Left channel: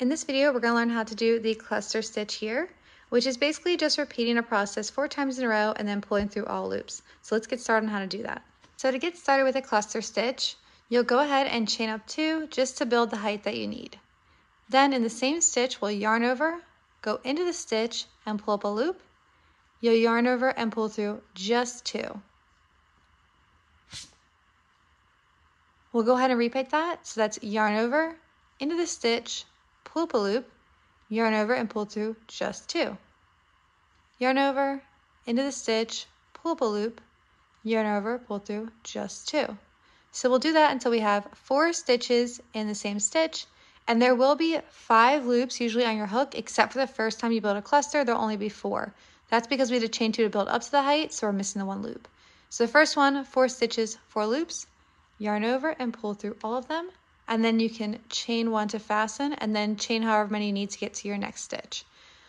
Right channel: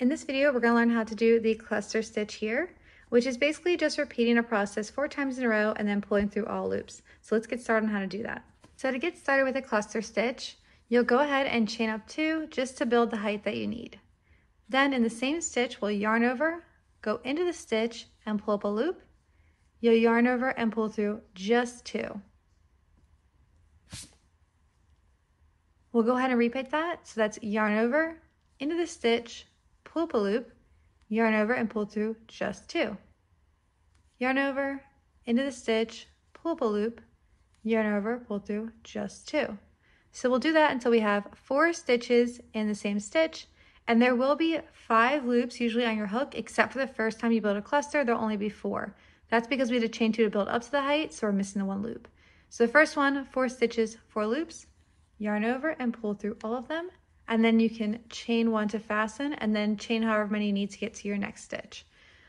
In this video, we're going to learn how to do the cluster stitch here, which is basically just repeating a process 4 times in a row and then pulling through all loops. So let's get started on how to do that. So to get started with a cluster stitch, you'll go ahead and chain up 2 just to build the height that you need. Then in the same stitch, we'll yarn over, go into the stitch and pull up a loop. You'll yarn over and pull through just 2. We'll go ahead and repeat that. So that's yarn over, into the stitch, pull up a loop, yarn over and pull through just 2. Yarn over, into the stitch, pull up a loop, yarn over, pull through just 2. So we'll do that until we have 4 stitches in the same stitch, and there will be 5 loops usually on your hook, except for the first time you build a cluster, there'll only be 4. That's because we had to chain 2 to build up to the height, so we're missing the 1 loop. So the first one, 4 stitches, 4 loops, yarn over and pull through all of them, and then you can chain 1 to fasten, and then chain however many you need to get to your next stitch.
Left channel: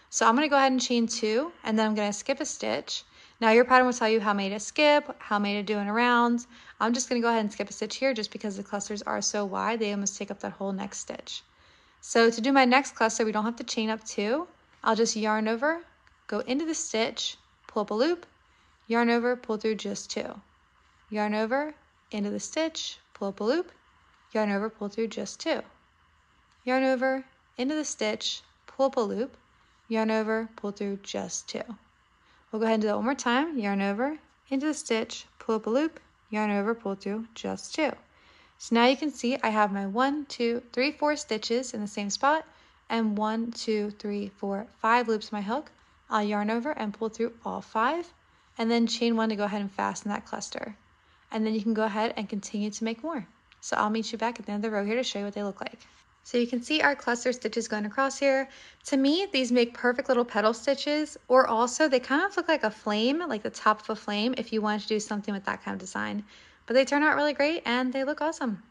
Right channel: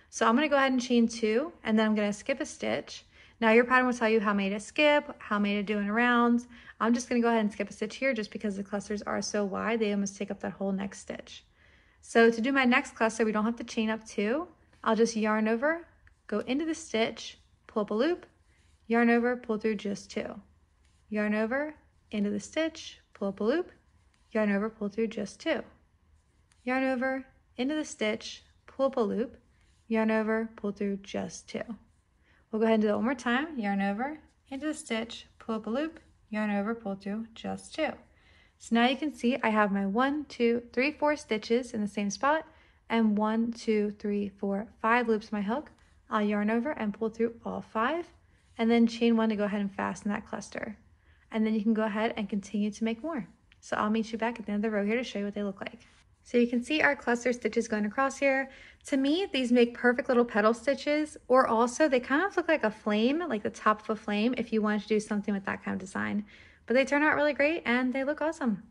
So I'm going to go ahead and chain 2, and then I'm going to skip a stitch. Now your pattern will tell you how many to skip, how many to do in a round. I'm just going to go ahead and skip a stitch here just because the clusters are so wide, they almost take up that whole next stitch. So to do my next cluster, we don't have to chain up 2. I'll just yarn over, go into the stitch, pull up a loop, yarn over, pull through just 2. Yarn over, into the stitch, pull up a loop, yarn over, pull through just 2. Yarn over, into the stitch, pull up a loop, yarn over, pull through just 2. We'll go ahead and do that one more time. Yarn over, into the stitch, pull up a loop, yarn over, pull through just 2. So now you can see I have my 1, 2, 3, 4 stitches in the same spot, and 1, 2, 3, 4, 5 loops in my hook. I'll yarn over and pull through all 5, and then chain 1 to go ahead and fasten that cluster. And then you can go ahead and continue to make more. So I'll meet you back at the end of the row here to show you what they look like. So you can see our cluster stitches going across here. To me, these make perfect little petal stitches, or also they kind of look like a flame, like the top of a flame, if you wanted to do something with that kind of design. But they turn out really great and they look awesome.